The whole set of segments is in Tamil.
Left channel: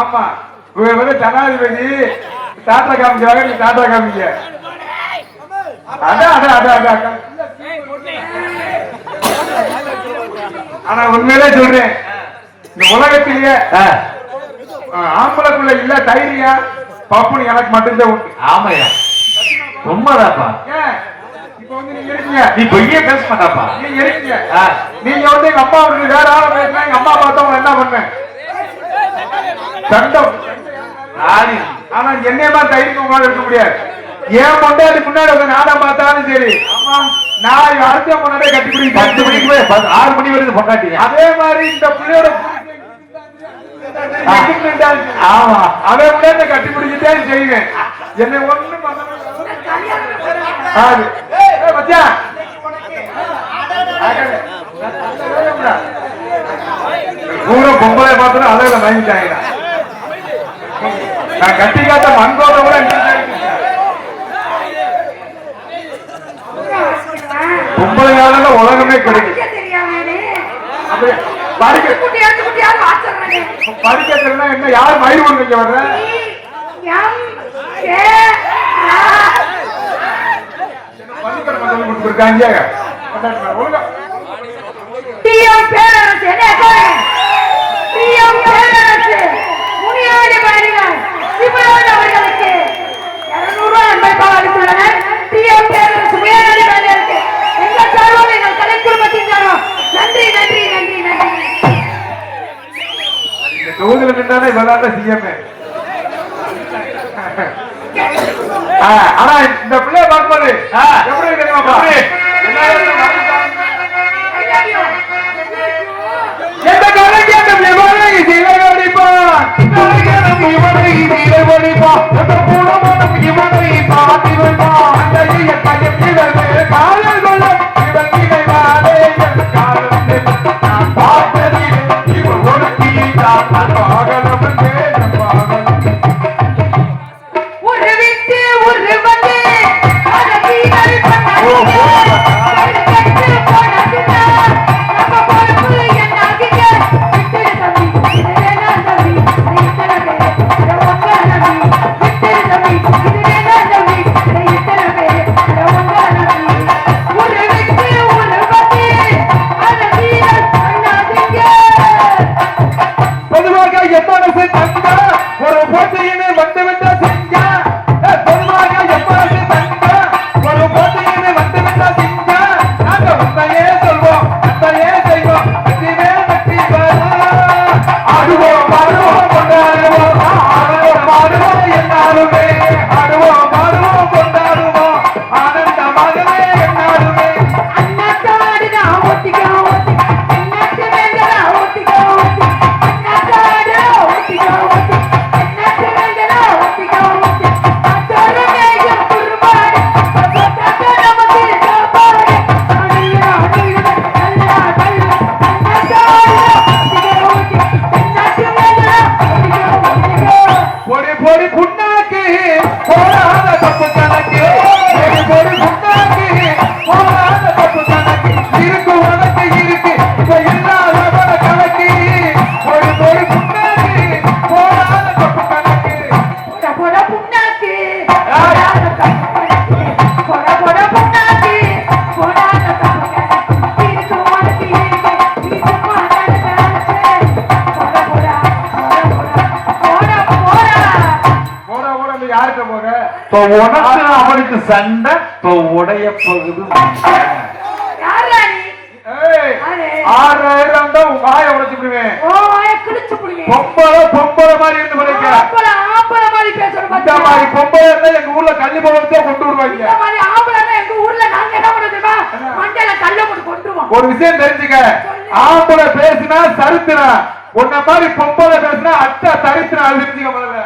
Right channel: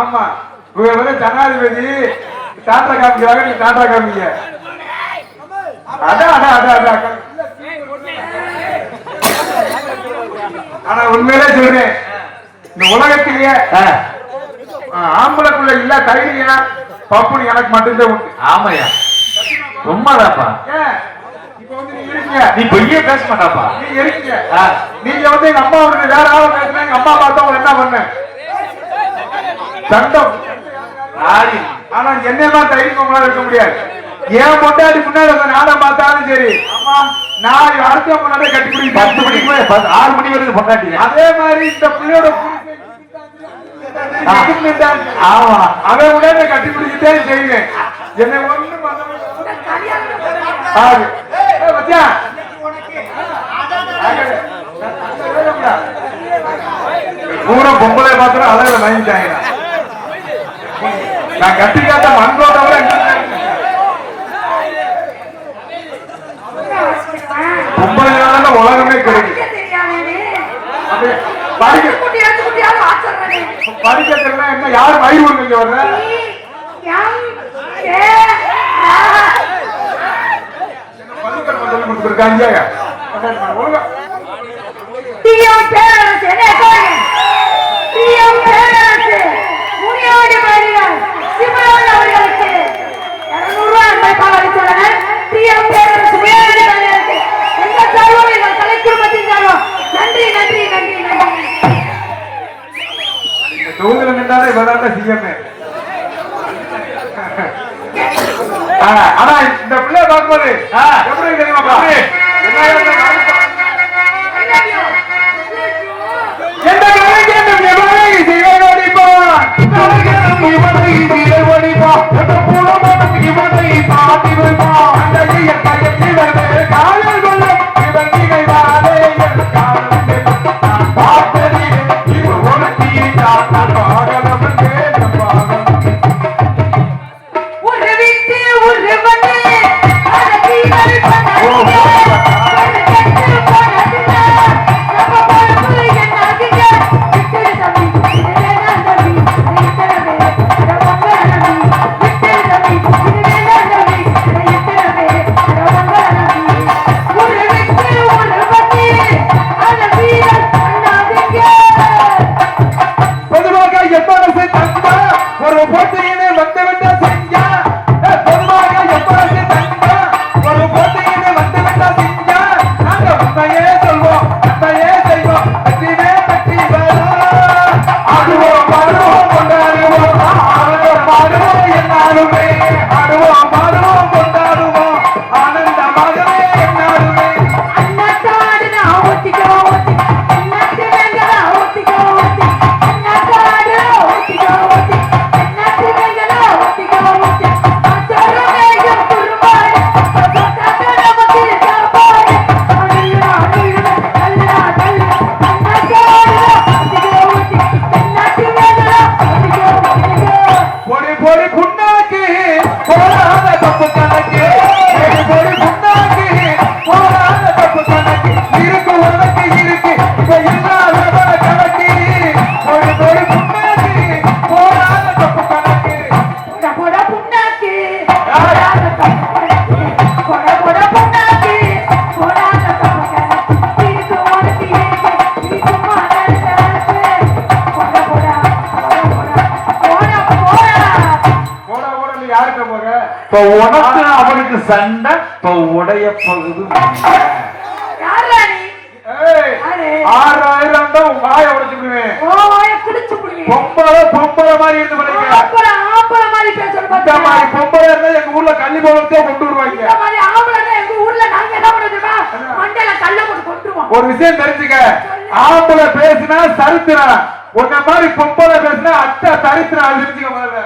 ஆமா இவங்க ஜனாதிபதி டாட்டா காமிக்கிறாங்க, டாட்டா காமிக்க. ஆனா உண்மையிலே சொல்றேன், இந்த உலகத்திலேயே ஆம்பளை இல்ல தைரியா பப்புனு எனக்கு மட்டும்தான் உண்டு. ஆமையா உண்மைதாப்பா. இப்ப வந்து நீங்க இருக்கீங்க, நீ பெரிய பேச மாட்டாப்பா. நீங்க இருக்கீங்க, நீங்க வந்து எங்க அம்மா வந்து வேற ஆள பேசினா எங்க அம்மா பார்த்தா அவங்க என்ன பண்ண சண்டம். ஆனா என்னையமா தைரியம் இருக்க முடியாது. ஏன் பொண்டாட்டி முன்னாடி நானும் பார்த்தாலும் சரி, நான் அடுத்த பொண்ணாடி கட்டி பிடிக்க 6 மணி வருது பொண்டாட்டி. அதே மாதிரி இந்த பிள்ளையோட ஆமா அதை விட கட்டி பிடிக்கிட்டே செய்வேன். என்னை ஒண்ணு பூரா பொம்பளை பாத்திரம் அளவுல வாங்கிட்டாங்க. நான் கட்டி காட்ட அன்போட பொம்பளையால உலகமே கிடைக்கும். படிக்கிறதுனா என்ன யாரும் வயிறு நீங்க வர்ற தொகுதியில் நின்றாலே இதெல்லாம் சிஎம். ஆனா இந்த பிள்ளை பார்க்கும்போது எப்படி இருக்கிறீங்கப்பா? உனக்கு அவனுக்கு சண்டை உடைய போகுது. 6000 வாய உடைச்சுடுவேன். பொம்பளை மாதிரி இருந்து படிக்க இந்த மாதிரி பொம்பளை இருந்தா எங்க ஊர்ல கல்வி பவனத்தையே கொண்டு வருவாங்க. ஒரு விஷயம் தெரிஞ்சுக்க, ஆம்பளை பேசினா சரித்திரம், உன்ன மாதிரி பொம்பளை பேசினா அட்டை சரித்திரம். தெரிஞ்சுக்க பாருங்க.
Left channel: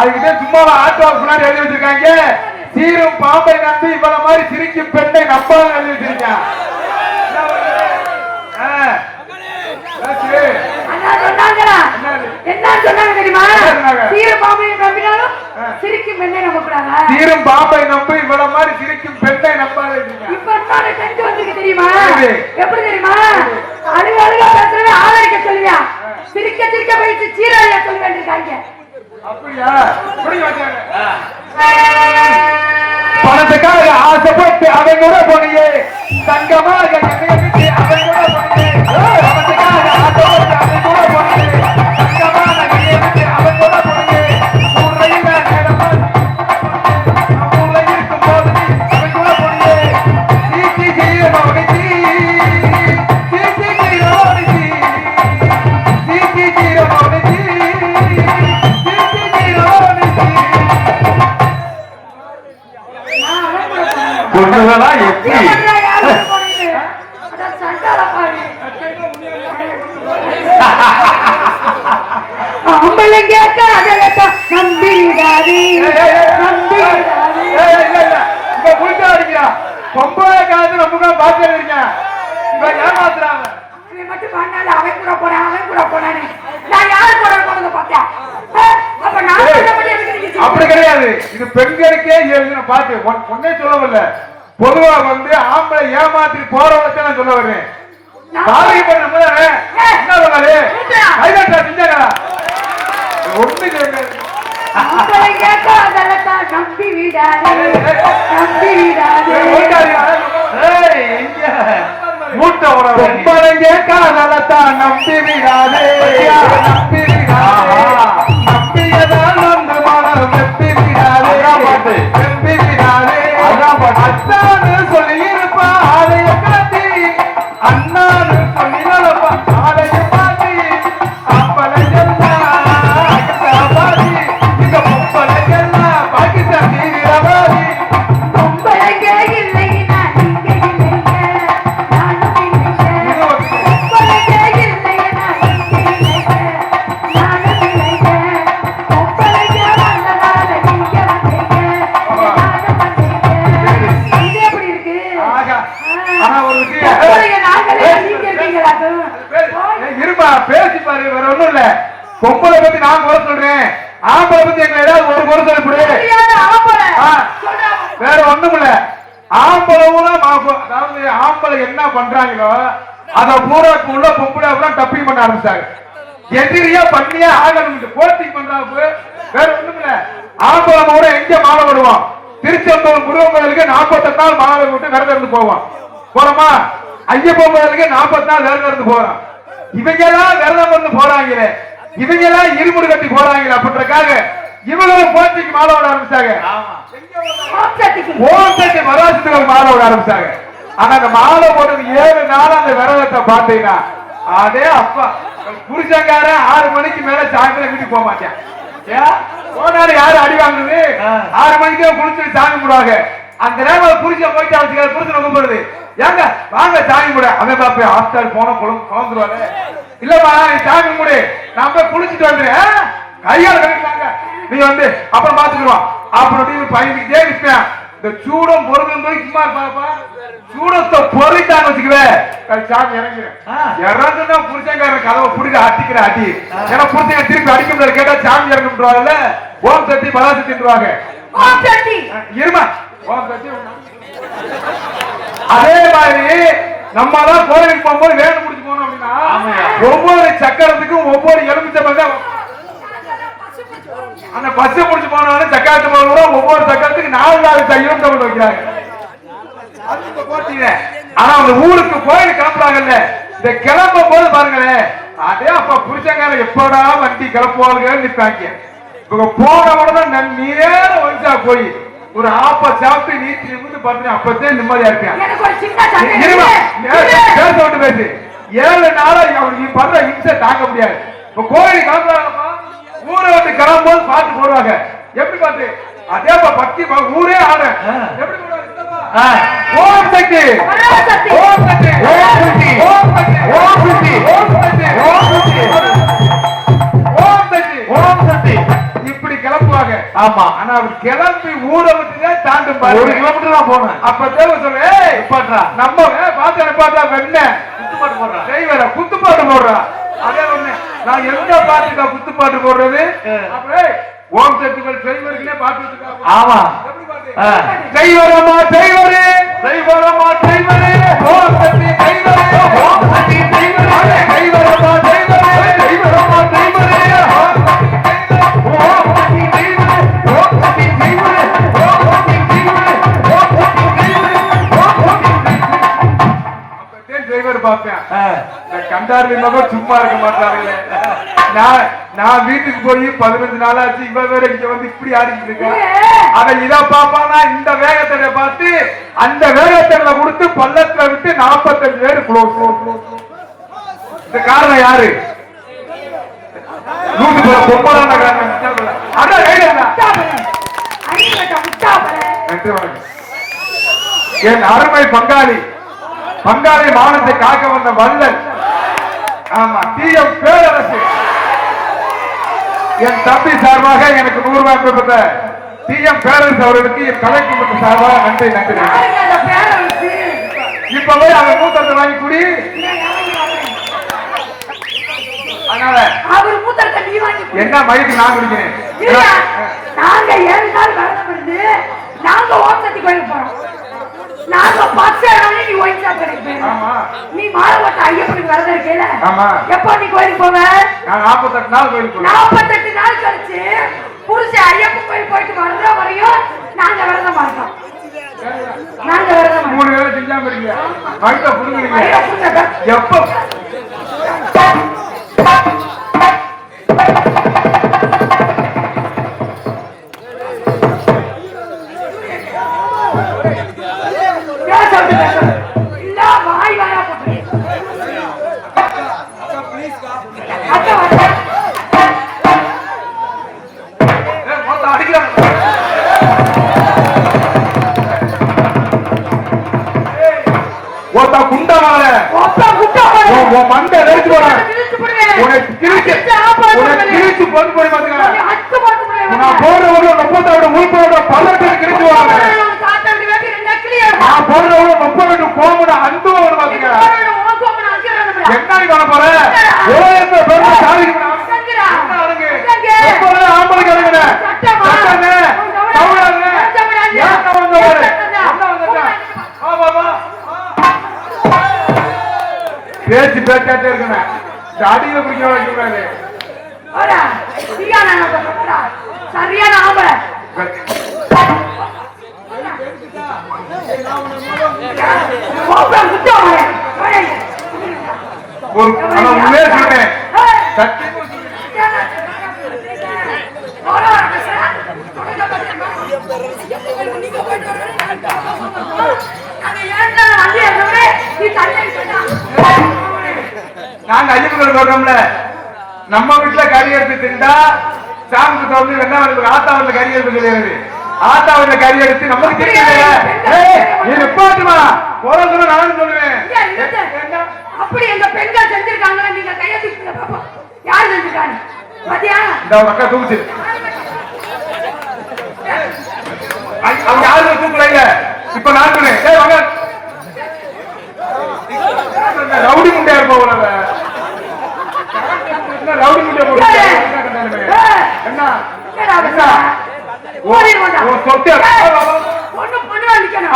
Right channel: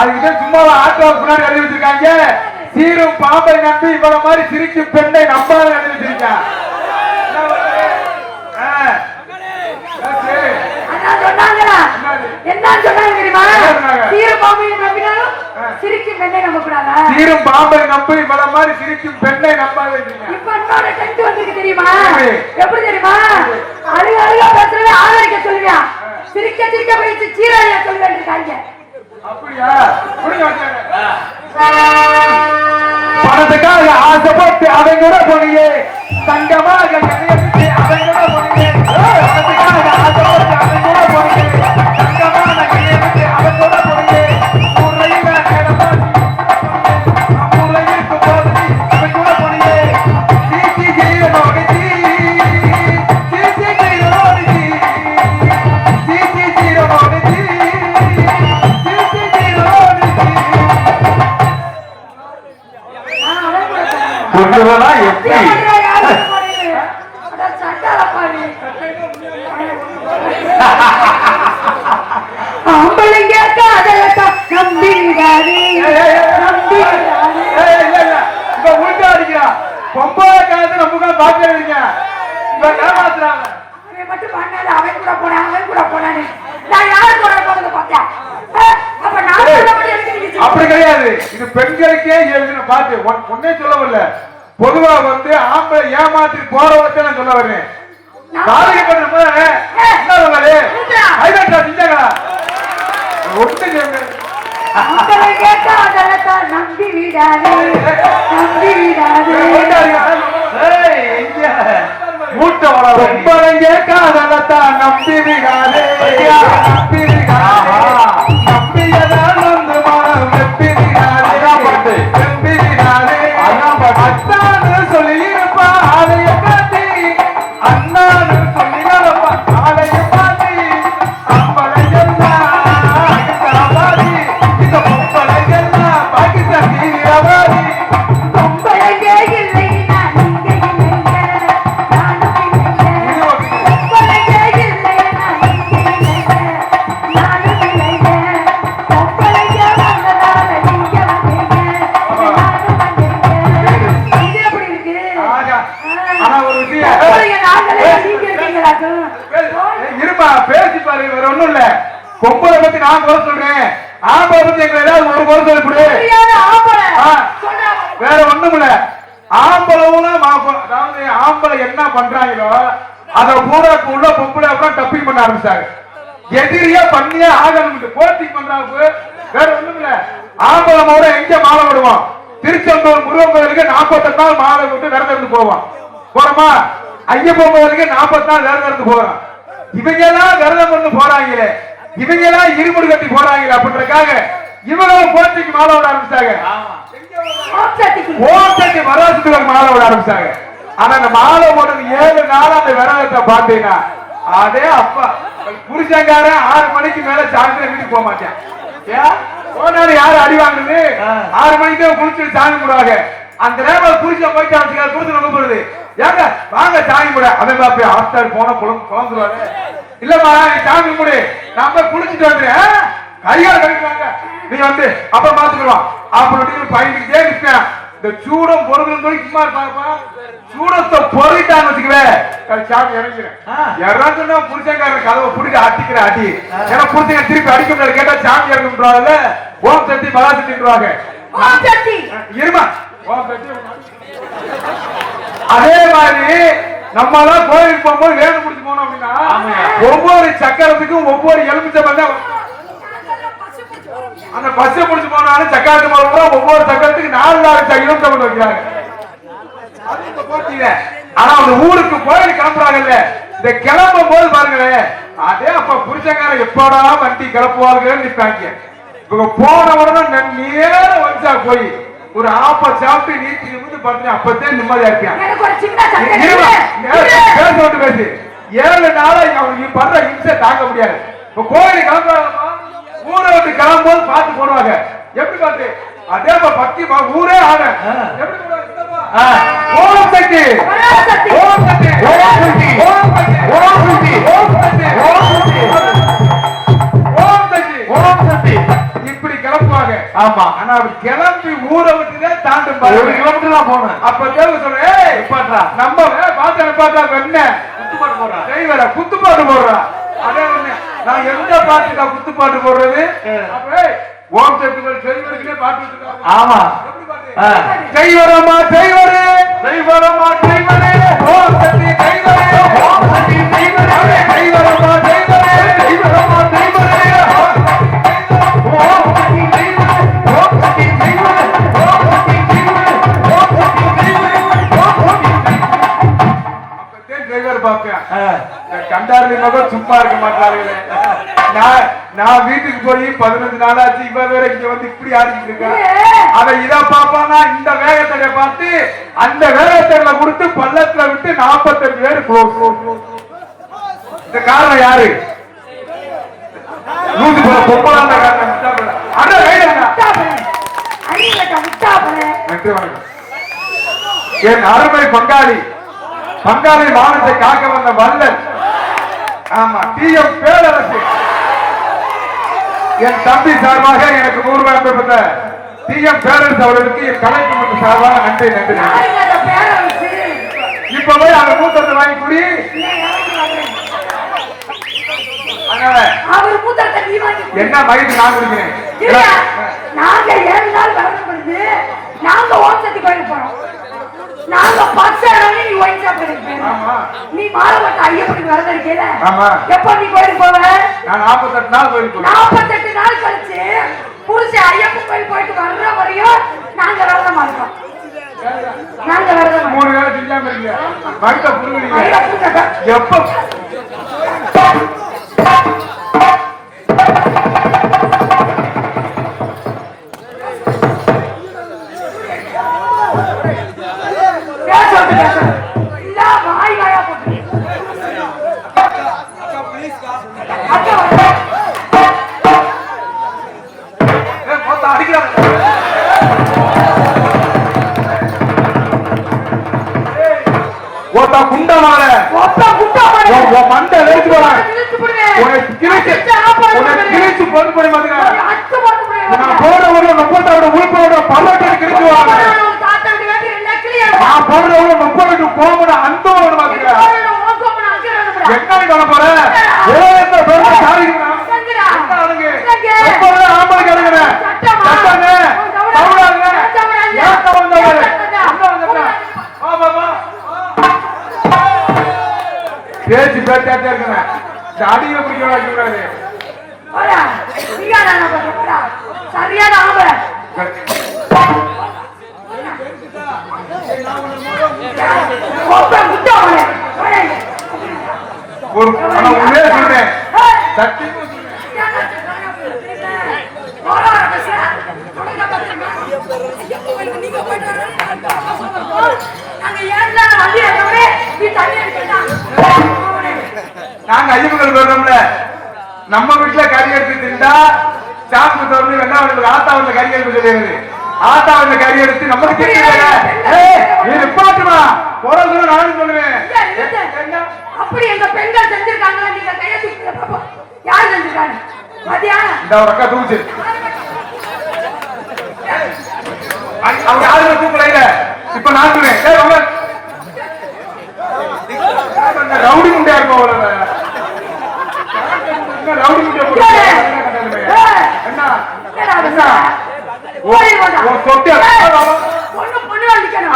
அதுக்கிட்ட சும்மா ஆட்டோ முன்னாடி எழுதி வச்சிருக்காங்க, சீரும் பாம்பை நம்பி இவ்வளவு மாதிரி சிரிக்கும் பெண்ணை நம்பாத எழுதி வச்சிருக்காங்க. சீரும் பாம்பை நம்பி இவ்வளவு மாதிரி சிரிக்கும் பெண்ணை நம்பாத. எப்படி? எப்படி தெரியுமா? அழுக அழுக பேசுறவே ஆதரிக்க சொல்லுவியா, சிரிக்க சிரிக்க போயிட்டு சீராழிய சொல்லுவேன் இருக்காங்க. அப்படியா? புரிய மாட்டேன். பணத்துக்காக ஆசைப்பட்டு அதை கூட போனியே தங்கமாக எதையை விட்டு அதை கூட போனியே பணத்துக்காக ஆசைப்பட்டு அதை கூட போனியே தங்கமாக எதையை விட்டு அதை கூட போனியே ஊரையில் இருக்கும் போது அதை கூட போனியே சீச்சி சீரோடி சீச்சி சீரோடி சீச்சி சீரோடி சீச்சி சீரோடி சொல்லுவதா எப்படி அம்பளைங்க காதலத்தை நம்பி விடாதே, நம்பி விடாதே. பொம்பளை காலத்துல நம்ம பாத்துருக்கீங்க இவ ஏமாத்துறாங்க. அவன் மட்டும் பண்ணாத, அவன் கூட போனான், அவன் கூட போனானே. நான் யார் கூட போனதை பார்த்தேன்? அப்ப நான் சொன்னபடி எனக்கு நீங்க அப்படி கிடையாது. இது பெண்களுக்கே எழுதின பாட்டு. ஒன்னே சொல்ல வரல. பொதுவா வந்து ஆம்பளை ஏமாத்தி போற வச்சு நான் சொல்ல வருவேன். பாதிக்கப்பட்ட என்ன சொன்னாலே கைதட்டா செஞ்சாங்களா ஒண்ணு இல்லைங்க. அம்பளைங்க காதலத்தை நம்பி விடாதே, நம்பி விடாதே. மூட்டை வராது பொம்பளைங்க காதலத்தான் நம்பி விடாதே, நம்பி விடாதே. நம்பியதான் வந்து மனம் வெப்பி விடாதே, வெப்பி விடாதே. அண்ணான்னு சொல்லி இருப்பா ஆலைய காட்டி, அண்ணான்னு சொல்லி இருப்பா ஆலைய காட்டி. அம்பளை எல்லாம் அகத்தாவாதி, இந்த பொம்பளை எல்லாம் பாகிஸ்தான் தீவிரவாதி. பொம்பளைங்க இல்லைன்னா நீங்க இல்லைங்க, நானும் இல்லைங்க. பொம்பளைங்க இல்லைன்னா நீங்க இல்லைங்க, நானும் இல்லைங்க. பொம்பளைங்க வந்ததால நீங்க வந்தீங்க, நானும் வந்தீங்க. இது எப்படி இருக்கு? ஆகா. ஆனா ஒரு விஷயம் பொம்பளைங்க நாங்களே நீங்க இருக்கீங்களாக்கு. இருமா பேசி பாரு. வேற ஒண்ணும் இல்ல. பொம்பளை பத்தி நான் குறை சொல்றேன், ஆம்பளை பத்தி எங்களை ஏதாவது ஒரு குறை சொல்லக்கூடிய சரியான ஆம்பளை. ஆ. சொல்றேன். வேற ஒண்ணும் இல்ல. ஆம்பளை பூரா அதாவது ஆம்பளை என்ன பண்றாங்களோ அத பூரா உள்ள பொம்பளை அப்புறம் டப்பிங் பண்ண ஆரம்பிச்சாங்க. எதிரியா பண்ணியா ஆகணும் கோச்சிங் பண்றாங்க. வேற ஒண்ணும் இல்ல. ஆம்பளை பூரா எங்க மாலை விடுவோம்? திருச்செந்தூர் முருகன் கோயிலுக்கு 48 நாள் மாலை விட்டு விரதம் இருந்து போவோம். போறோமா? ஐயப்பன் கோயிலுக்கு 40 நாள் விரதம் இருந்து போறோம். இவங்க எல்லாம் விரதம் இருந்து போறாங்களே, இவங்க எல்லாம் இருமுடி கட்டி போறாங்களே அப்படின்றக்காக இவங்களும் போட்டிக்கு மாலை விட ஆரம்பிச்சாங்க. ஓட்டத்துக்கு. ஓட்டத்தை பராசத்துக்கு மாலை விட ஆரம்பிச்சாங்க. ஆனா அந்த மாலை போட்டது 7 நாள் அந்த விரதத்தை பார்த்தீங்கன்னா அதே அப்பா புருஷங்காரன் 6 மணிக்கு மேல சாயந்தரம் வீட்டுக்கு போக மாட்டேன். ஏன் போனாலும் யாரு அடி வாங்குது? 6 மணிக்கு குளிச்சுட்டு சாமி குடுவாங்க. அந்த நேரம் புருஷன் போயிட்டு அவருக்கு புருஷன் நம்ப போறது ஏங்க வாங்க சாமி கூட அவன் பாப்பி ஆஸ்டர் போன குழந்துருவாரு. இல்லம்மா நீ சாமி குடு நான் போய் குளிச்சுட்டு வந்துடுறேன் கையால கிடைக்கிறாங்க நீ வந்து அப்ப பாத்துக்கணும் அப்படின்னு பயந்துக்கிட்டே இருப்பேன். இந்த சூடம் பொருள் போய் சும்மா இருப்பாங்கப்பா. சூடத்தை பொறிட்டாங்க வச்சுக்குவேன் சாமி இறங்கு இறங்குன்னா புருஷங்க கதவை புடிக்க அடிக்கிற அடி. ஏன்னா புருஷங்க திருப்பி அடிக்கிறது கேட்டா சாமி இறங்குறாங்கல்ல. ஓம் சட்டி பலா சட்டின்றாங்க. ஓட்டத்தி. இருமா ஓம் சட்டி. அதே மாதிரி நம்ம எல்லாம் கோயிலுக்கு போகும்போது வேலை முடிச்சு போனோம் அப்படின்னா ஒவ்வொரு சக்கரத்துக்கும் ஒவ்வொரு எலுமிச்சை அந்த பஸ் முடிச்சு போனாலும் சக்கரத்து போனோம். ஒவ்வொரு சக்கரத்துக்கு 4 எலுமிச்சை வைக்கிறாங்க. ஆனா அந்த ஊருக்கு கோயில் கிளம்புறாங்கல்ல, இந்த கிளம்பும் போது பாருங்களேன் அதே அப்ப புருஷங்கார எப்போடா வண்டி கிளப்புவாங்க நிற்பாங்க. இவங்க போன உடனே நேர வரிசா போய் ஒரு ஆப்ப சாப்பிட்டு நீச்சு இருந்து பார்த்தேன். அப்பத்தே நிம்மதியா இருப்பேன். எனக்கு ஒரு சின்ன சந்தேகம் பேச விட்டு பேசு. 7 நாளா அவன் நீ பண்ற இம்சை தாங்க முடியாது. இப்ப கோயில் கிளம்புறாங்க ஊரை விட்டு கிளம்பும்போது பாட்டு போடுவாங்க. எப்படி பாட்டு? அதே பக்தி ஊரே ஆட எப்படி ஓம் சக்தி ஓம் சக்தி ஓம் சக்தி ஓம் சக்தி ஓம் சக்தி ஓம் சக்தி ஓம் சக்தி ஓம் சக்தி ஓம் சக்தி இப்படி கிளம்புவாங்க. ஆமா. ஆனா அவர் கிளம்பி ஊரை விட்டுதே தாண்டும் 1 கிலோமீட்டர் தான் போனேன். அப்ப தேவை சொல்றேன் நம்ம பாத்து பார்த்தா என்ன குத்துப்பாட்டு போடுறா செய்வர குத்துப்பாட்டு போடுறா. அதே ஒண்ணு நான் எந்த பாட்டுக்கா குத்துப்பாட்டு போடுறது? ஓம் சக்திகள் செய்வதற்குனே பாட்டு வச்சிருக்காங்க. ஆமா. எப்படி பாட்டு? செய்வரமா செய்வரே செய்வரமா செய்வரே ஓம் சக்தி பார்ப்பேன். கண்டாரு சும்மா இருக்க மாட்டாரு. நான் வீட்டுக்கு போய் 15 நாளாச்சு, இவ வேற இங்க வந்து இப்படி ஆடிக்கிட்டு இருக்கேன். அவன் இத பாப்பானா இந்த வேகத்தடை பார்த்து அந்த வேகத்தடை கொடுத்து பள்ளத்துல விட்டு 45 பேர் இந்த காரணம் யாரு? என் அருமை பங்காளி மானத்தை காக்க வந்த வல்லல், ஆமா டிஎம் பேரரசு, என் தம்பி சார்பாக எனக்கு 100 ரூபாய் அனுப்பப்பட்ட டிஎம் பேரரசு அவர்களுக்கு என் கலைக்கு சார்பாக நன்றி நன்றி. இப்பவே அவர் மூத்தத்தை வாங்கி குடி. என்ன மயிலுக்கு நான் குடிக்கிறேன். நாங்க 7 நாள் நடந்து நாங்க ஓட்டத்தி கோயிலுக்கு போறோம். நாங்க 10 நாள் நீ ஓய்ச்சா போறீங்க. நீ மாறவட்ட ஐயப்பனுக்கு வரத இருக்கேல. எப்ப நீ கோயிலுக்கு போவ? நான் 48 நாள் கோயிலுக்கு போறேன். 48 நாள் கழிச்சு புருஷ ஐயப்பன் கோயில் போயிட்டு வர்ற வரையும் நாங்க வரத மாட்டோம். நாங்க வரத 3 வேளை திங்காம இருக்கீங்க. வயித்த புடுங்குறீங்க. எப்ப பேச்சு பேச்சாட்டே இருக்கேன். அடியில பிடிக்க வைக்கிறாரு. சரியான ஆம்பளை. ஒரு உள்ளே சொன்னேன் சத்தி நாங்க ஐயப்பன் வர்றோம்ல, நம்ம வீட்டுல கறி எடுத்து திண்டா சாமி சாமி வெள்ளாவது ஆத்தாவில் கறி எடுத்து தெரியாது. ஆத்தாவில் கறி எடுத்து நமக்கு தெரியாது. நீ நிப்பாட்டுமா போறதுல நானும் சொல்லுவேன். அப்படி எங்க பெண்கள் செஞ்சிருக்காங்க. நீங்க கையெழுத்து யார் செஞ்சிருக்காங்க? மதியானம் இந்த ஒரு அக்கா தூச்சு அவங்க யாரும் தூக்கல. இப்ப நான் சொன்னேன் ரவுடி முண்டியா இருப்பா ரவுடி முண்டியா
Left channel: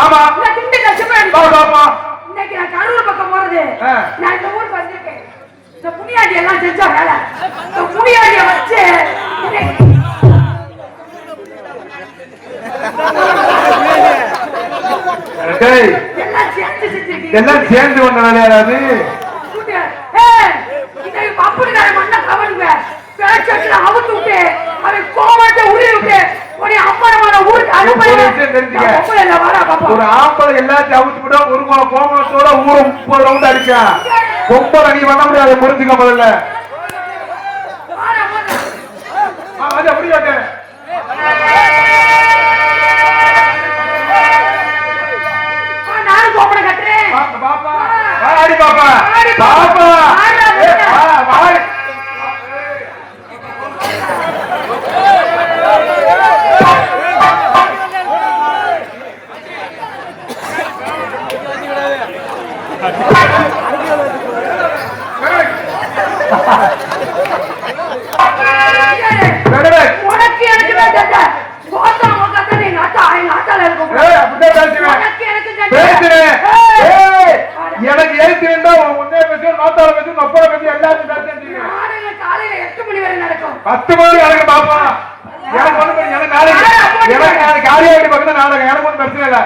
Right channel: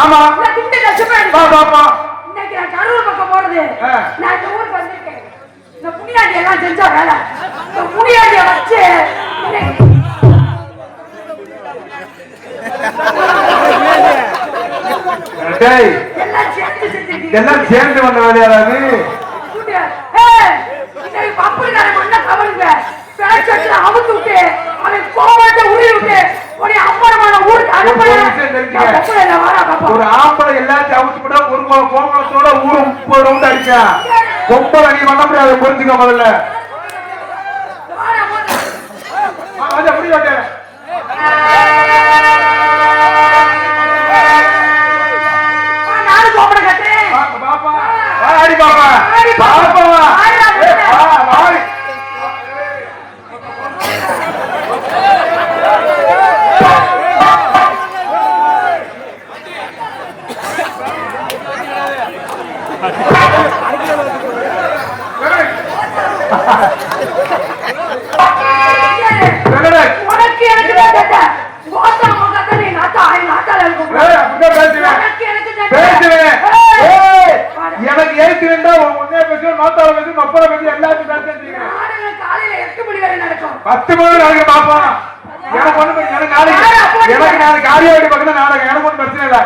ஆமா இன்னைக்கு நான் கரூர் பக்கம் போறது. நான் இந்த ஊருக்கு வந்திருக்கேன். இந்த புனியாண்டி எல்லாம் செஞ்ச வேலை. புனியாண்டிய வச்சு எல்லாம் சேர்ந்து வந்த வேலையாராது. ஒரு ஆம்பளை எல்லாத்தையும் அவுத்துக்கிட்ட ஒரு கோமலத்தோட ஊரை 30 ரவுண்ட் அடிச்சான். ரொம்ப நீ பண்ண முடியாது. புரிஞ்சுக்க முதல்ல எப்படி ஆடி பாப்பா எனக்கு எழுத்து வேண்டா உன்னே பேசும் நாத்தால பேசும் அப்பா பேசும் எல்லாத்தையும் பேசுறீங்க. 10 மணி நடக்கும் பாப்பா. எனக்கு ஒண்ணு எனக்கு நாளைக்கு காரியாடி பக்கத்துல நாடகம். எனக்கு ஒன்றும் பிரச்சனை இல்லை.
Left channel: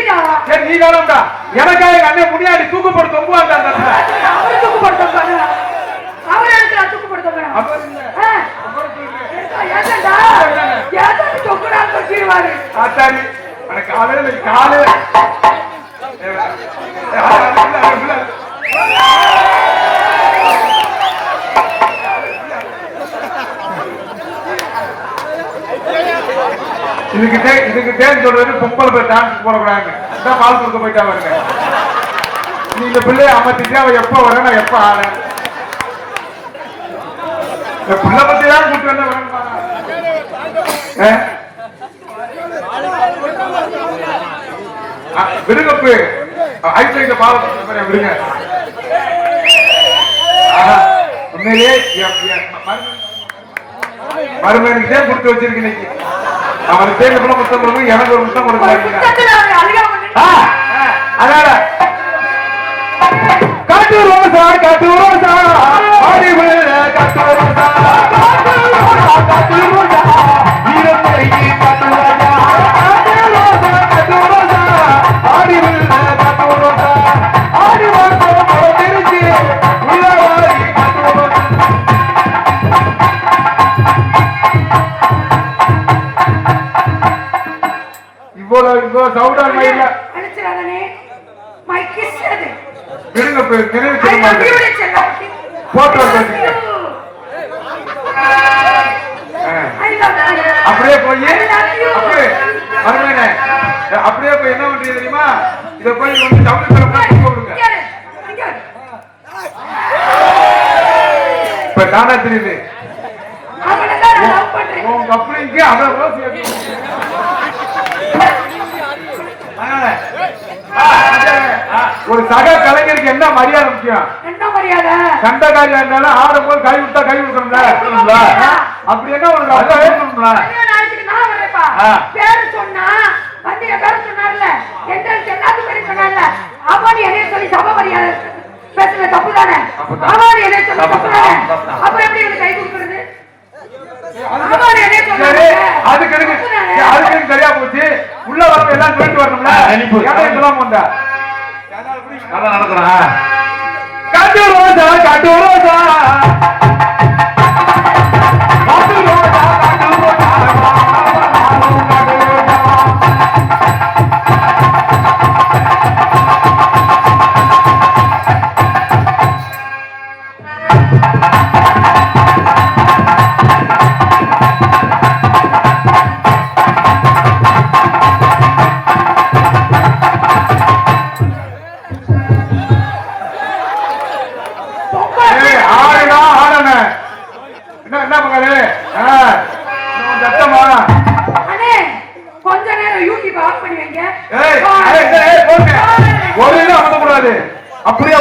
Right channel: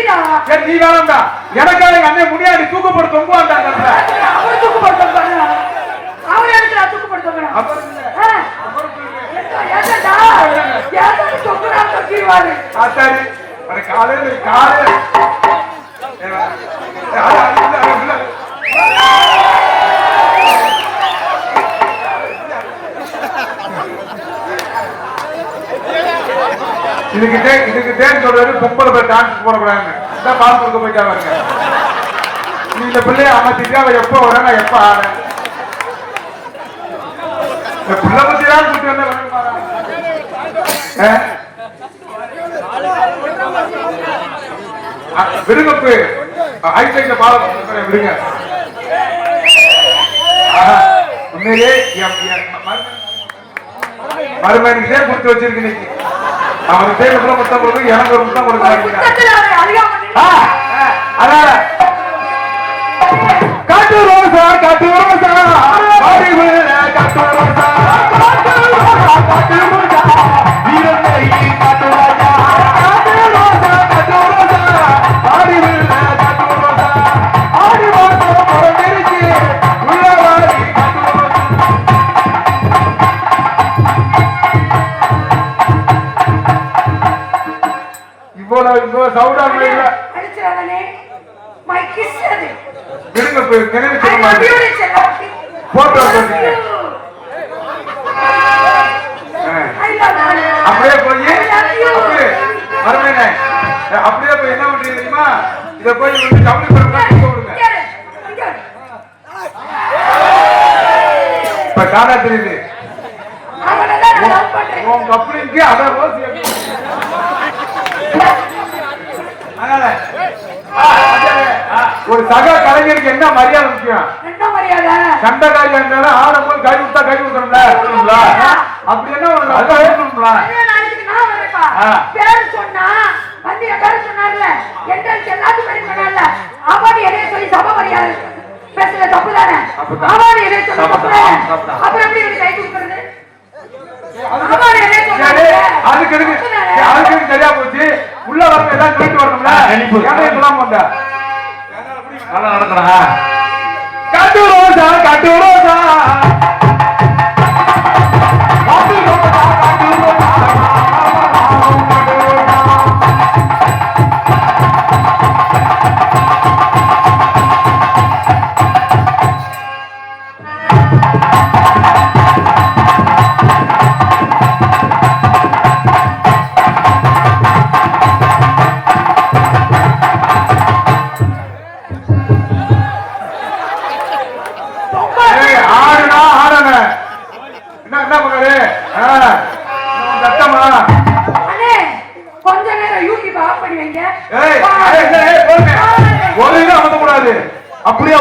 எப்படிடா சரி நீ வேணாம்டா எனக்காக எங்க அண்ணன் முன்னாடி தூக்குப்பட்டு தொங்குவாங்க அவர் தூக்குப்படுத்த பாரு அவர் இருக்கிற தூக்குப்படுத்த பாரு ஆச்சாரி காலையில காலையில இதுக்கு தேன் சொல்றது பொம்பளை போய் டான்ஸ் போடக்கூடாது பால் கொடுக்க போயிட்டா வருங்க நீ இந்த பிள்ளைய அமர்த்திட்டு அவன் எப்ப வராங்க எப்ப ஆன இந்த பிள்ளை பத்தி தான் கூட்டு வந்து விடுங்கப்பு ஐட்ல பாவம் விடுங்க உண்மையிலே மருமகனுக்கு தேன் கொடுத்து வச்சிருக்கீங்க அவர் பேர் கூட முத்தம் கொடுக்கும் எனக்கு ஒரு முத்தம் கொடுக்குறாங்க காட்டு ரோசா காட்டு ரோசா காட்டு ரோசா காட்டு ரோசா இவ்வளவு சவுண்டா இல்ல போட்டோ அப்படியே போய் அப்படியே போய் என்ன பண்றீங்க தெரியுமா இத போய் தமிழ் கொடுங்க இப்ப காணா தெரியுது உங்க அப்படிங்க அதான் ஒரு சக கலைஞருக்கு என்ன மரியாதை முக்கியம் சண்டை காரியம் இருந்தாலும் ஆடும்போது கை விட்டா கை விடணும்ல அப்படி என்ன உனக்கு அதை ஏற்கணும்ல பேர் சொன்னா வந்து என் பேர் சொன்னார்ல என்ட்ரன்ஸ் எல்லாத்தையும் பண்ணி சொன்னார்ல அவாடி எதைய சொல்லி சபை மரியாதை பேசுற தப்பு தானே அவாடி எதைய சொல்லி தப்பு தானே அப்புறம் எப்படி எனக்கு கை கொடுக்கறது அதுக்கு சரியா போச்சு உள்ள வரணும் எல்லாம் சொல்லிட்டு வரணும்ல இதெல்லாம் வந்தா நல்லா நடத்துறேன் காட்டு ரோசா காட்டு ரோசா அப்படியே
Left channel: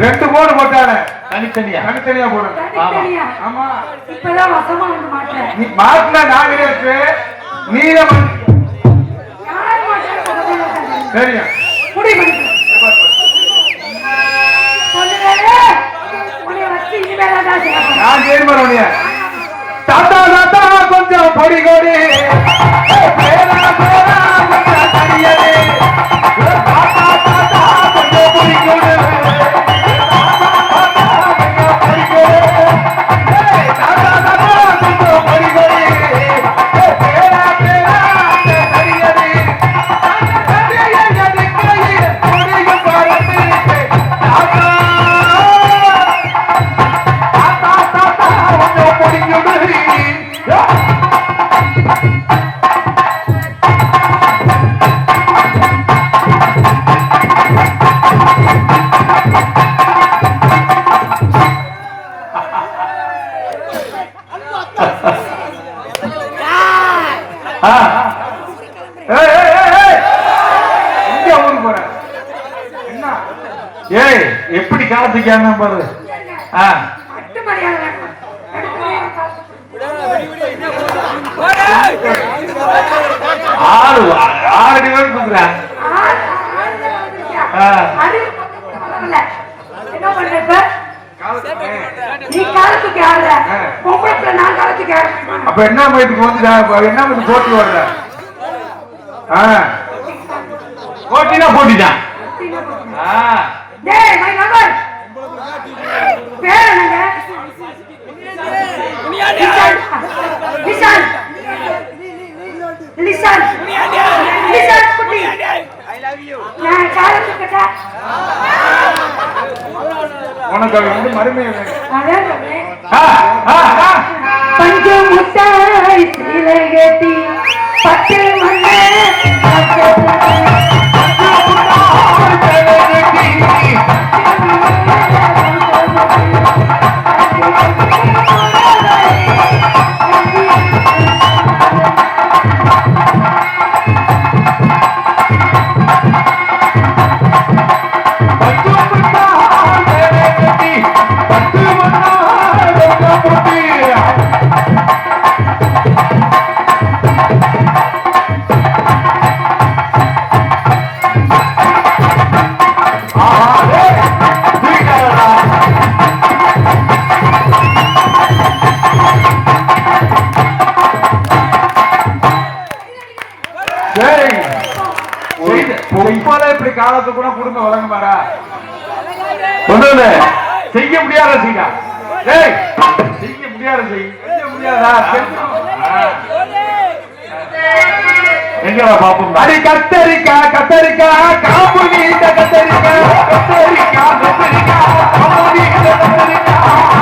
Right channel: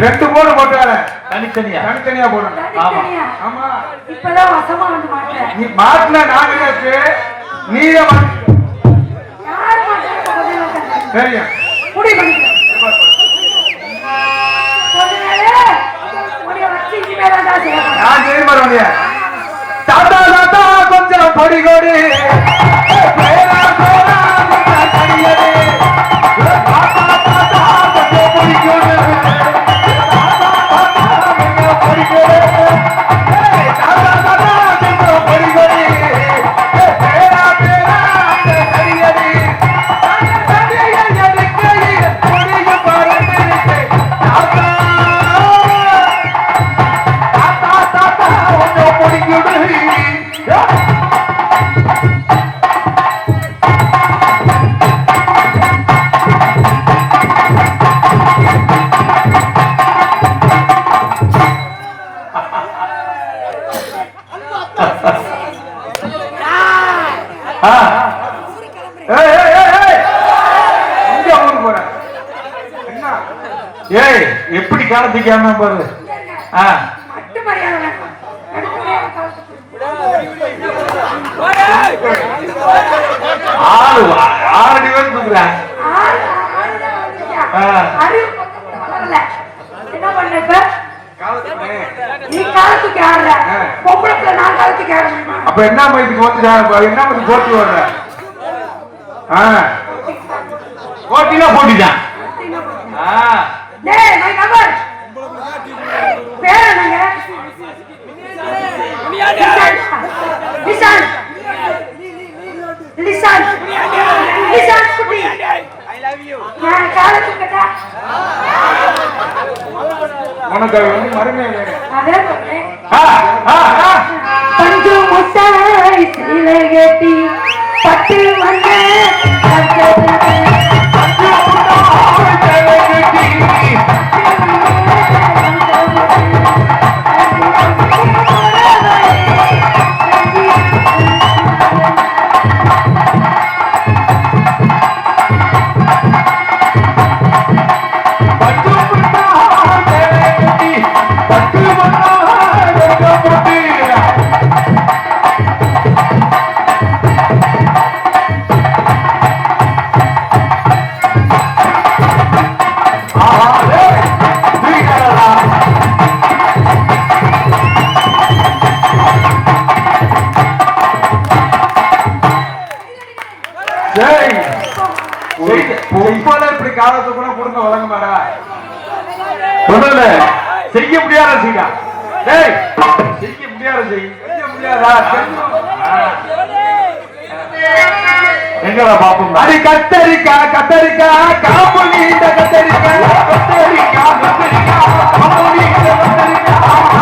ரெண்டு போடு போட்டால தனித்தனியா போடணும். ஆமா இப்பதான் வசமா வந்து மாட்டேன் நீ மாட்டல நான் இருக்கு நீல யார் மாட்டேன் தெரியும் முடிவு பண்ணிக்க பேர் வரவங்க தாத்தா தாத்தா கொஞ்சம் பொடி கொடி பேரா பேரா கொஞ்சம் கடியது தாத்தா தாத்தா கொஞ்சம் பொடி கொடி பொடி கொடி தாத்தா தாத்தா கொஞ்சம் பொடி கொடி பேரா பேரா கொஞ்சம் கடியது ஏய் எப்படி காலத்துக்காம பாரு அட்டு மரியாதை ஆளு 6 பேர் கூப்பிடுறேன் என்ன பண்ற நீ காலத்துக்கு ஆடுற பொம்பளை நான் காலத்துக்கு ஆடுறேன் அப்ப என்ன மயத்துக்கு வந்து என்ன வந்து போட்டி வர்ற போட்டினா போட்டிதான் டேய் மை கவர் பேர் என்னங்க லிசன் லிசன் லிசன் குட்டி ஐ லவ் யூ நான் காலத்துக்கு உனக்கு வந்து மறுமை அதே சொல்றேன் பஞ்சம் முட்டாய் சீலை கட்டி பட்டு மண்ணே இப்படி காலத்துக்குள்ள குடும்ப வழங்க மாறா சொன்னது செய்ய முடியாத செய்யா டேய் செய்ய முடியாத செய்ய முடியாதா எங்கடா பாப்போம் அடி கத்தரிக்கா கத்தரிக்கா காப்பு நீண்ட கத்தரிக்கா கத்தரிக்கா கத்தரிக்கா காப்பு நீண்ட கத்தரிக்கா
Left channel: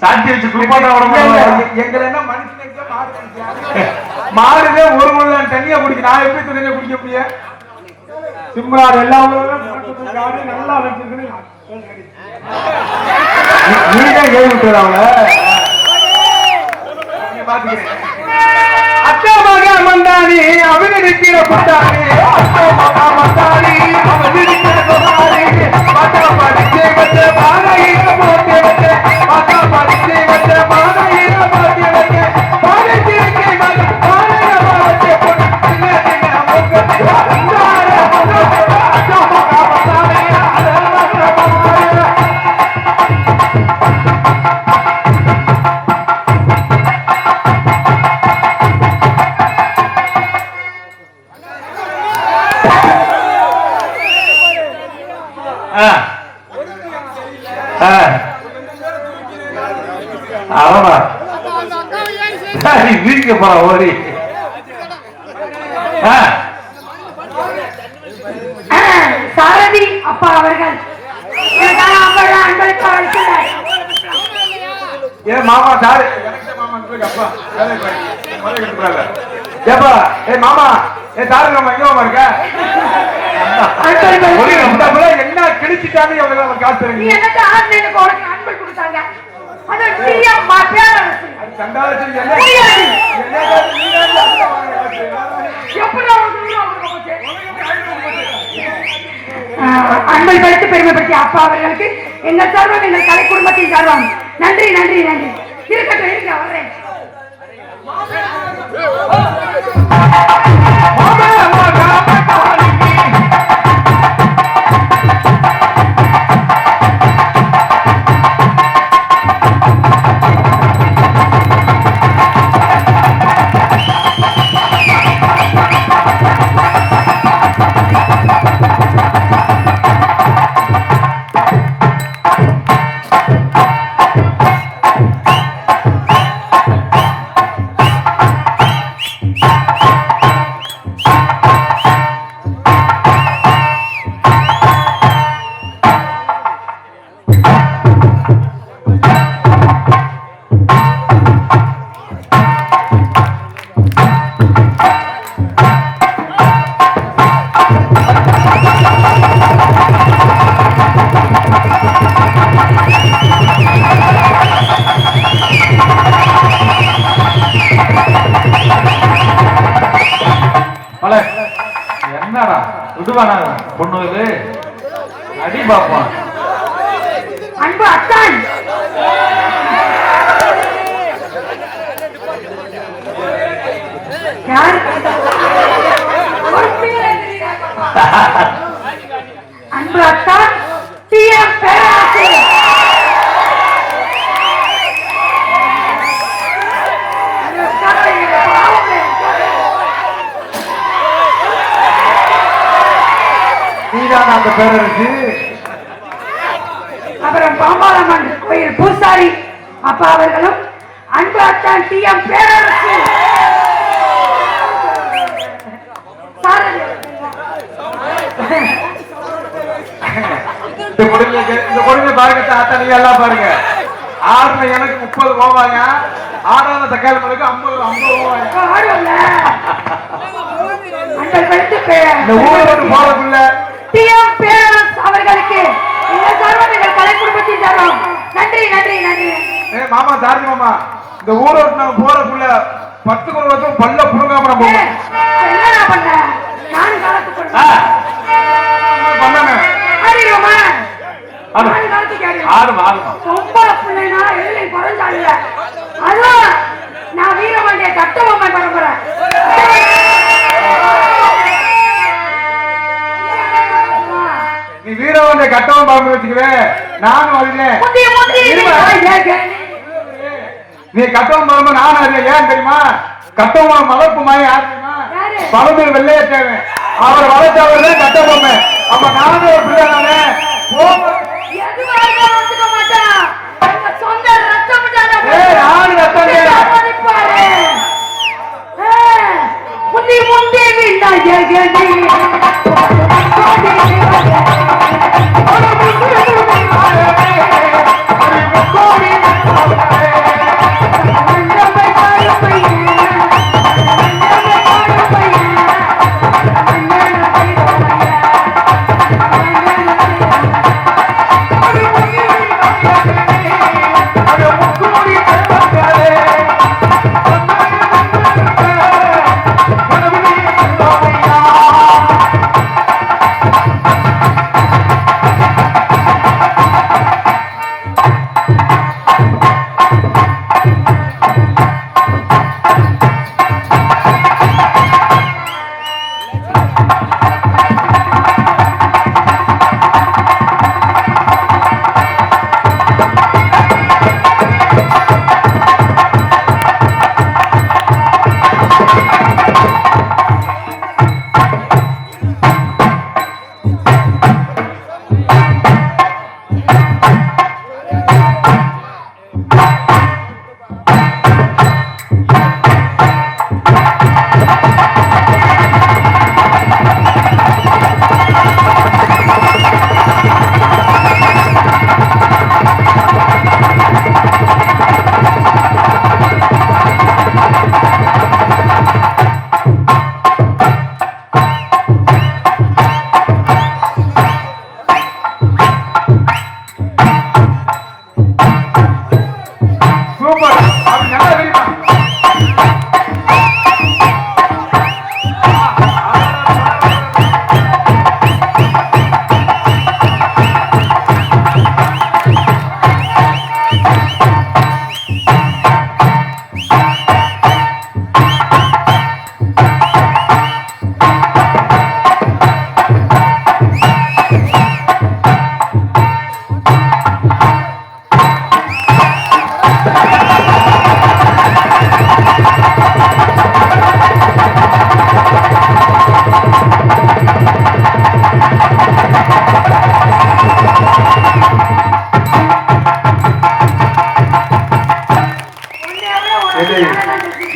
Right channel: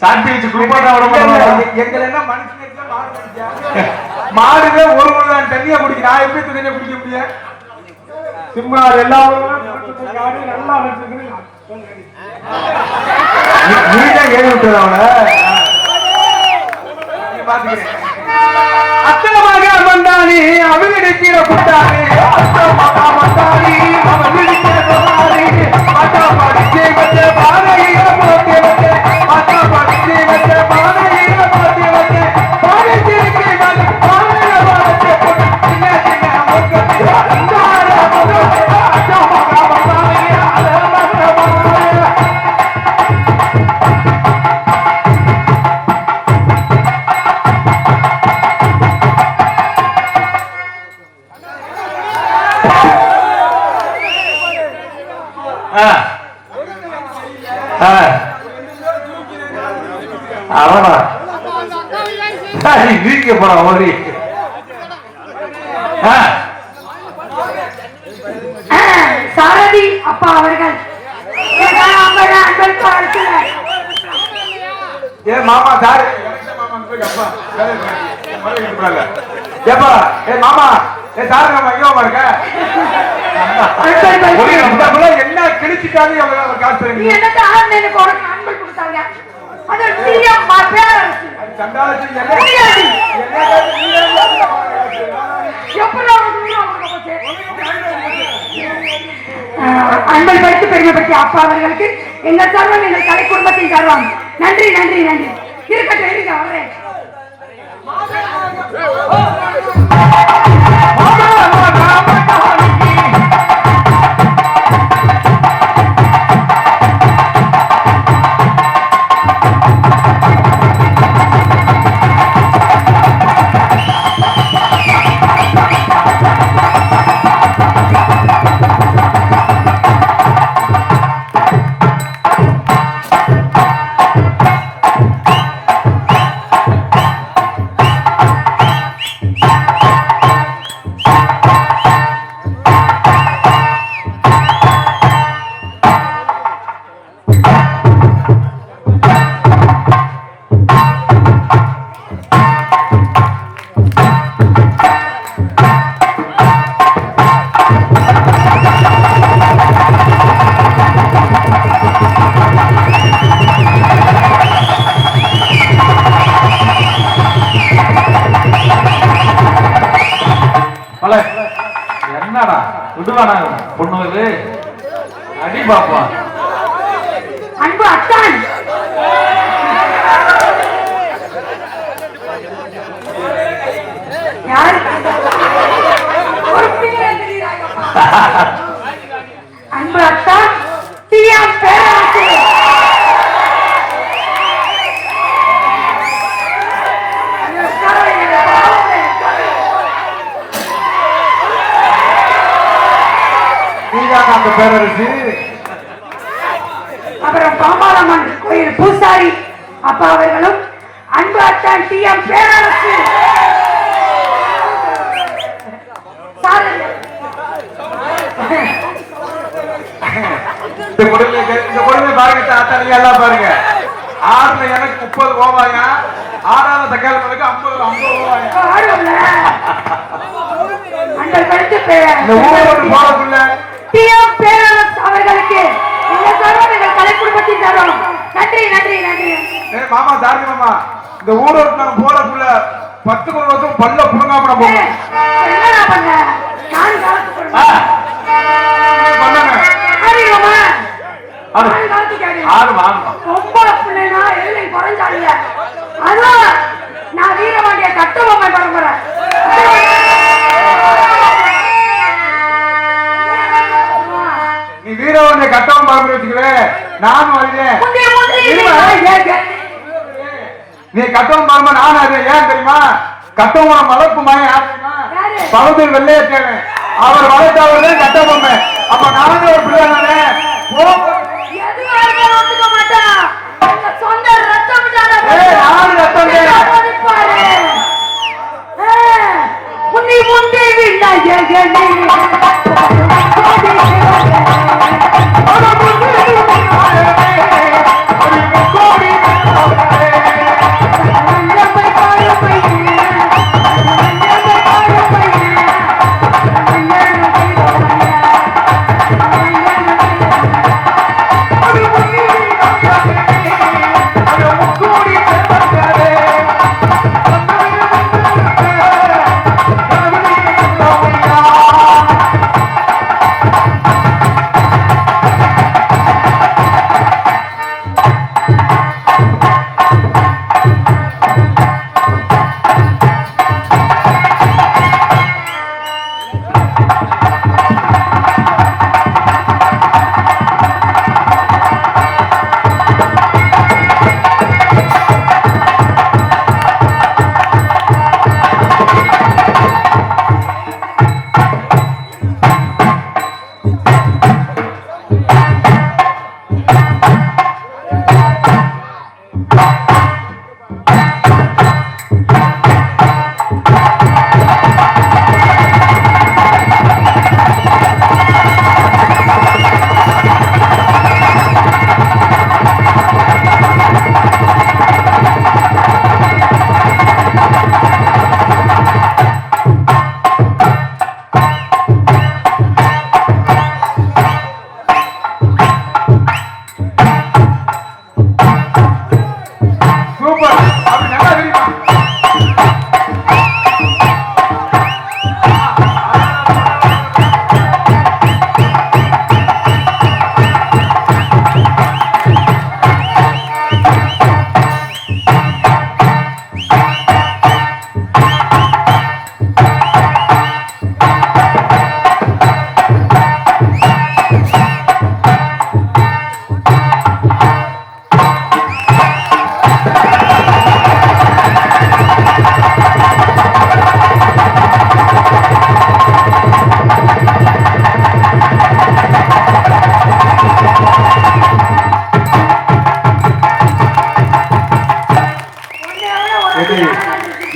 சாத்தி வச்சு குளிப்பாட்ட மாடுவே ஒரு மணி தண்ணியை குடிக்க நான் எப்படி தண்ணியை குடிக்க முடியும் சும்மா எல்லாம் நல்லா நீதான் கேள்வி விட்டுறாங்க அத்தா மகன் பட்டாணி அவிழ்க்கிற பட்டாணி பட்டாணி அவிழ்க்கிற பட்டாணி அட்டா படிச்சு வச்ச பானையில போட்டு வச்ச அட்டா படிச்சு வச்ச பானையில போட்டு வச்ச படிச்சிருக்கே பானையில போட்டு வீட்டுக்கு போற ஓடி சாரதி அப்பா அவர்கள் அன்பளிப்பு அளிக்கிறார். ஏன் மாமா சாரி ஏப்பா ஏ மாமா ஏ சாரி நம்ம எங்க இருக்க என்ன கிழிச்சிட்டாலும் எவ்வளவு காசு நீ தருவீங்க என்னட்டு ஆன்லைனுக்கு ஒரு அன்பளிப்பு கொடுத்தாங்க. அது பிரியம் பேரரசு. சண்டாளத்தில் எப்படி அன்பை வைத்து பெருமைப்படுத்திய அப்பா அவர்களுக்கு இந்த சர்வம் எங்கள் கலை குடும்பத்தின் சர்வம். நன்றி நன்றி நன்றி. இருக்கட்டும் இருக்க வரேன். என்னடா விடுவானா பொண்ணுங்களு அடி பாப்பா அன்பு அத்தான் யார் அன்பு அத்தான் டிஎம் பேரரசு. அந்த பேரரசு அப்புறம் பாமாரம்மன் கோயில் பூசாரி அப்பா அவர்களும் அன்பு அத்தான் டிஎம் பேரரசு. இந்த குழந்தை பாருங்க அத்தனை எல்லாம் பாருங்க. ஆறுல எனக்கு 30 போவாங்க, 6வது தக்காளத்துக்கு 50 போவாங்க. டிஎம் பேரரசு அவர்களுக்கு இந்த சர்வம் எங்கள் கலை குடும்பத்தின் சர்வம். நன்றி நன்றி நன்றி. மாமா சாரி மாமா, இந்த ஊரோட்டு போறதுக்குள்ள 10 வருஷம் பல்ல புடுங்காம என்னடா பண்ண நான் பண்ணாங்க. ரொம்ப பிள்ளைனா எழுதி குறைஞ்சாங்க. அதான் நான் வீரவாண்டிய கட்டுவம் பண்றேன். நீ வீரவாண்டிய கட்டவம் பாம்பு வச்சுக்கிறேன். நானும் வரேன். நீ கட்டவம் பாம்பா நானும் அறியேன். ஏன் தெரியுமா? கட்டவம் மலப்புமா யார் தெரியுமா? சௌதரி வெள்ளையத்தேவன். அவர் வளர்த்தவர் தான் கட்டவம். அப்ப நானும் ஒரு பிள்ளை தானே. நானும் ரத்தம்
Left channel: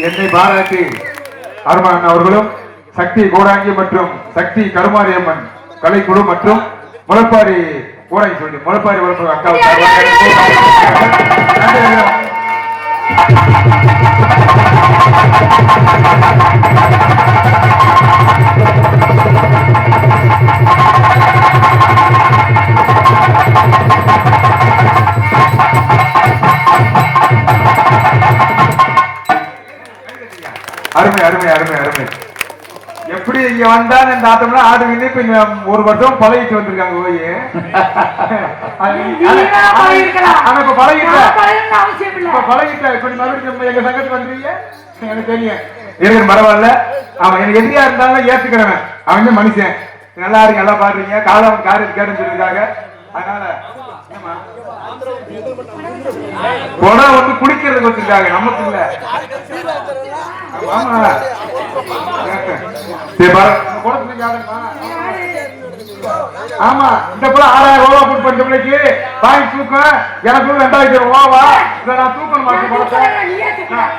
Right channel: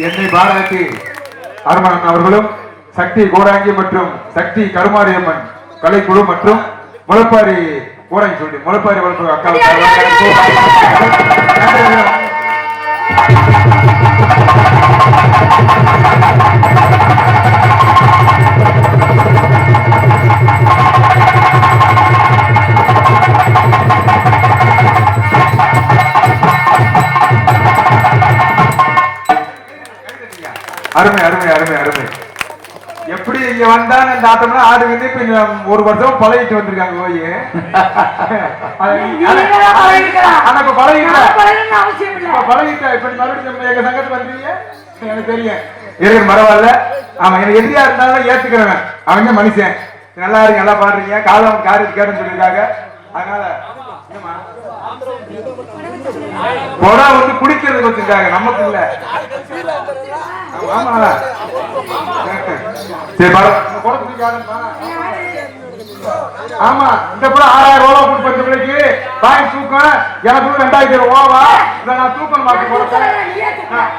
என்னை பாராட்டி அருமன் அவர்களும் சக்தி கோடாங்கி மற்றும் சக்தி கருமாரியம்மன் கலைக்குழு மற்றும் முளப்பாரி கோடாங்கி சொல்லி முளப்பாரி வளர்ப்பு அக்கா அருமை அருமை அருமை அருமை. எப்படி இங்க வந்தான்னு இந்த ஆட்டம்னா ஆடு வந்து இப்ப ஒரு வருஷம் பழகிட்டு வந்திருக்காங்க போய் எனக்கு பழகிட்டா இப்படி மறுபடியும் எங்க சங்கத்துக்கு வந்தீங்க எனக்கு தெரியும் இருக்கு பரவாயில்ல. அவன் எனக்கு எதிரியா இருந்தாலும் ஏத்துக்கிறவன் அவன் மனுஷன். நல்லா இருக்கு நல்லா பாடுறீங்க காலம் காரியத்து கேட்டுன்னு சொல்லிருக்காங்க. அதனால கொடா வந்து குடிக்கிறது வச்சிருக்காங்க நமக்கு இல்ல. ஆமா இந்த கூட 6000 ரூபாய் போட்டு பண்ற பிள்ளைக்கு வாங்கி தூக்க எனக்கு 2000 ரூபாவா இதை நான் தூக்க மாட்டேன்.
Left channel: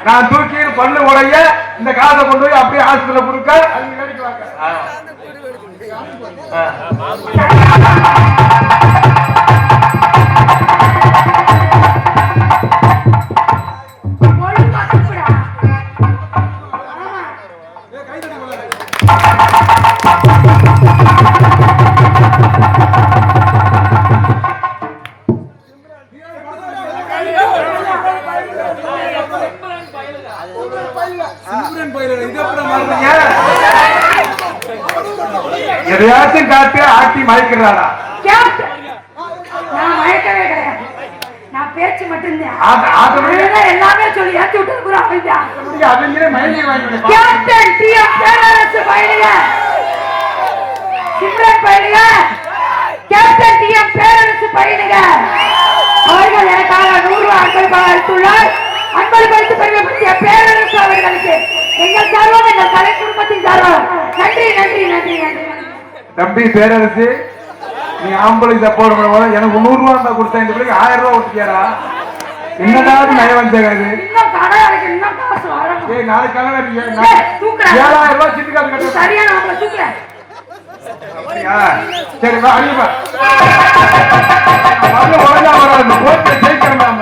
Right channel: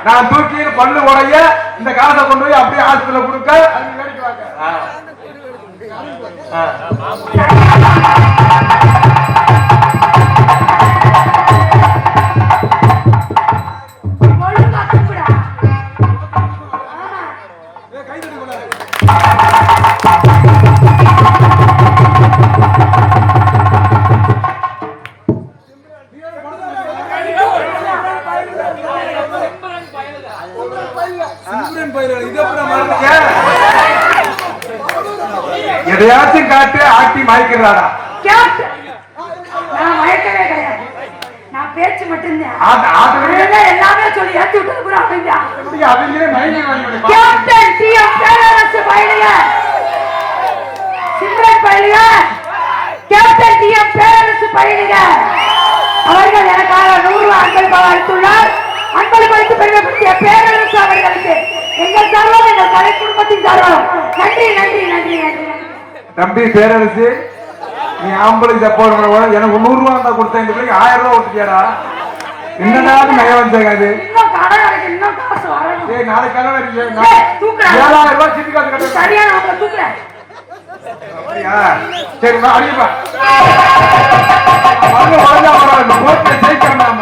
நான் தூக்கி பண்ணு உடைய இந்த காசை கொண்டு போய் அப்படியே ஆஸ்பத்திரியில கொடுக்க எதையாச்சும் காட்டு ஆட்டி மயக்கிறாரா? நான் பேச்சு மட்டும்தான் எல்லாமே சொல்லி ஏத்தி விட்டு கேப்டன் டிஎம் பேரரசு பையனுங்க சிம்ரன் பையனுங்க கேப்டன் டிஎம் பேரரசு பையனுங்க அவர்கள் எனக்காக 100 அன்பளிப்பாக அளித்துள்ளார். அன்பளிப்பு பெருமைப்படுத்திய பேரரசு அவர்களுக்கு எங்கள் சார்பாக எங்கள் கலை குடும்பத்தின் சார்பாக நன்றி நன்றி நன்றி நன்றி. தம்பி பேரரசு நீ ஆம்பளைக்கு சப்போர்ட் பண்ண எனக்கு 100 ரூபாய் தான் கொடுத்தேன். இந்த பிள்ளைக்கு 1000 ரூபாய் கொடுத்தியாடா? இன்னும் நயம் வந்தாது. நாளைக்கு கிளம்பி 7000 ரூபாய் சிட்டு காசு சரி வா அடிப்பா ஜெயிக்கிறோம்.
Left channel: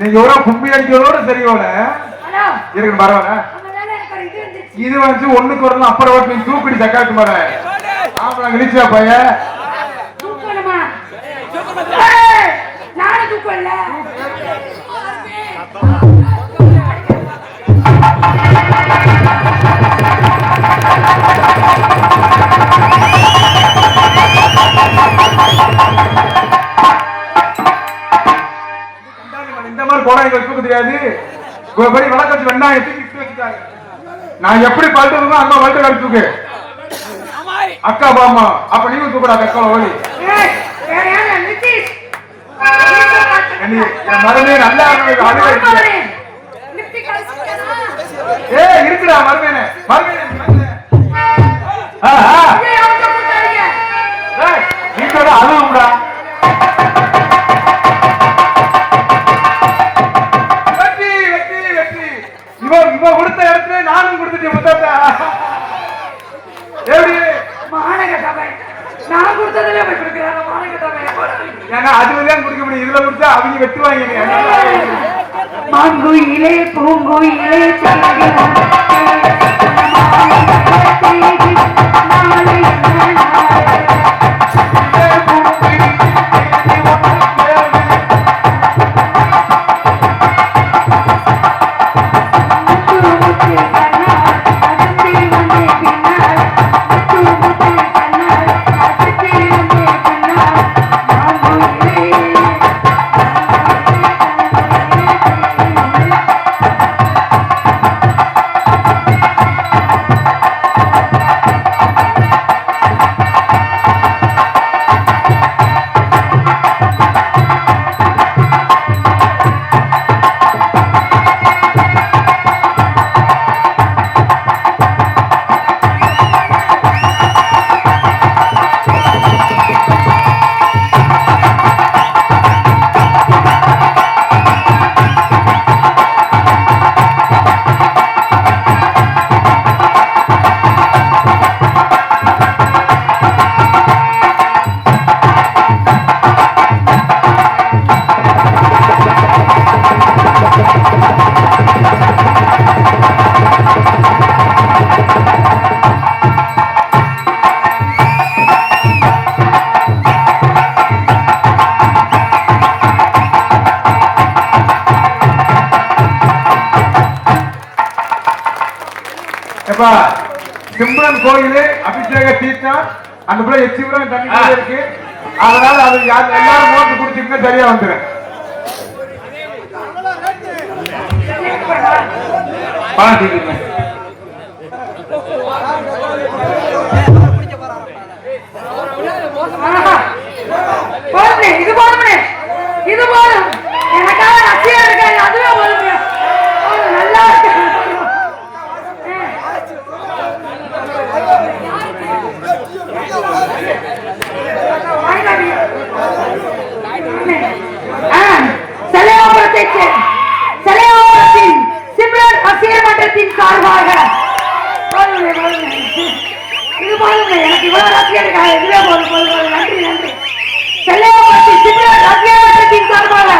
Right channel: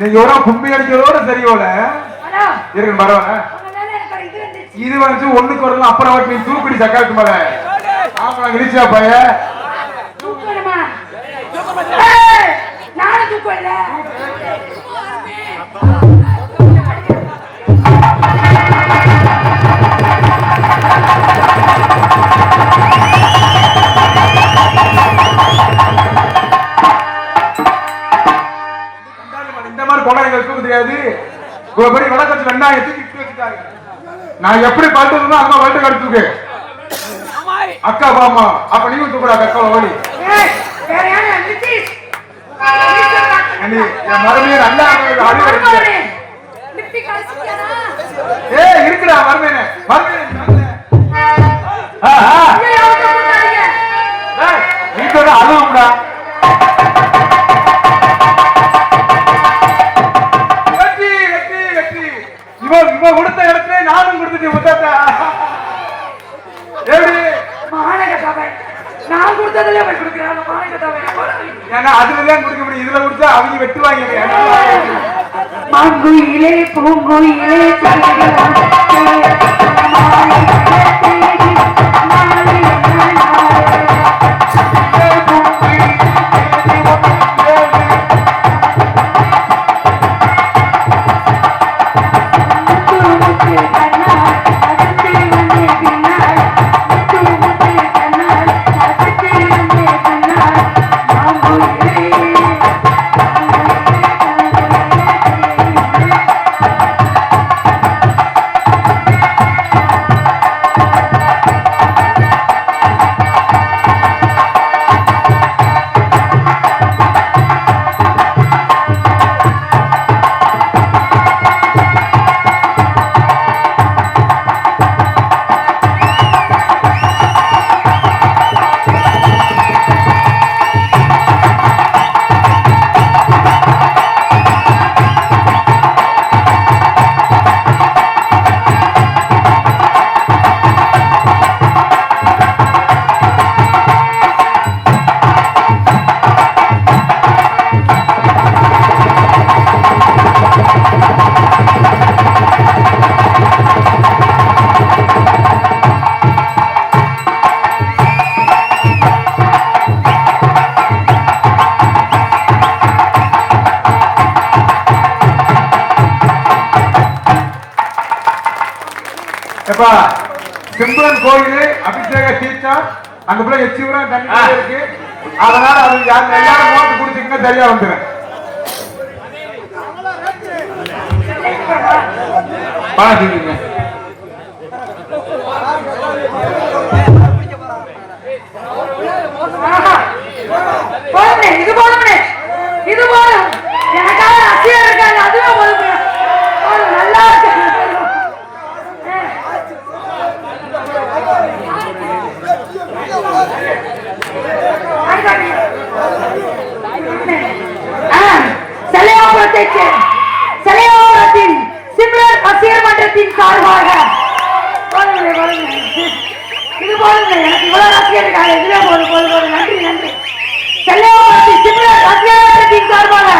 நீங்க கும்பி அடிக்கிறதோட சரியோட இருக்கு பரவாயில்ல. இது வந்து ஒண்ணுக்கு வரலாம் அப்புறம் வாட்டி நீ தூக்கடி சக்காத்து மாட ஆமா இழிச்சா பைய நான் எப்படி பாட்டுமோ அக்கா வாழ்க்கை எடுத்துக்கு அக்கா பாமா அப்ப நீங்க தூக்கடா அக்கா ஓடி மருமே நல்லா இருக்குடா மருமேனே நீங்க அழுகும்டா. இவன் கொடுத்த இடத்துல நானும் கொடுத்துட்டு நான் கொடுத்ததுல அதுதான் கொடுக்க முடியும். இதுல கொடுத்தா அவங்க வெட்டுவாங்க. மாங்குயிலே பூங்குயிலே எப்ப சிம்ரன் கோயிலு அபிஷேக தீர்த்தம் அந்த பிள்ளை எச்சிபுரம் தண்ணி இருக்கு. அதனால அது எல்லாரும் நோட்டு குடிச்சிங்கன்னா சரியா வந்துடும். பாத்தீங்க இது போதுமே, இது போதும். எனக்காக ரசிகா இருக்காங்க, அதுவே போதுமே. நல்லா இருக்கு. சிலையாபுரத்தின் சிம்ரன் ரசிகர் மன்றத்தின் சார்பாக இது போதுங்க. எனக்கு இவ்வளவு ரசிகர் இருக்காங்க, இதுவே போதும் போதும். நன்றி நன்றி. சிலையாபுரத்தின் சிம்ரன் ரசிகர் மன்றத்தின் சார்பாக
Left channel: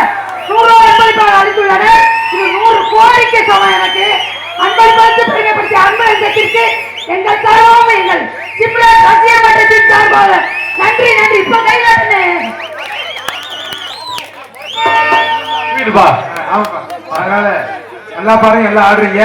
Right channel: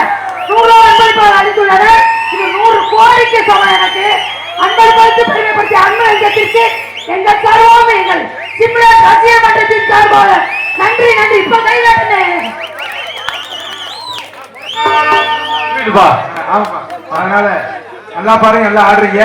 100 அன்பளிப்பாளர் அளித்துள்ளனர். இது 100 கோடிக்கு சமம். எனக்கு அன்பளிப்பளித்து பெருமைப்படுத்திய அன்பு லட்சத்திற்கு எங்கள் சார்பாக எங்கள் சிம்ரன் ரசிகர் மன்றத்தின் சார்பாக நன்றி நன்றி. இப்ப கைகாட்டுனேன். அதனால நல்லா பாருங்க, எல்லாம் ஆடுறீங்க.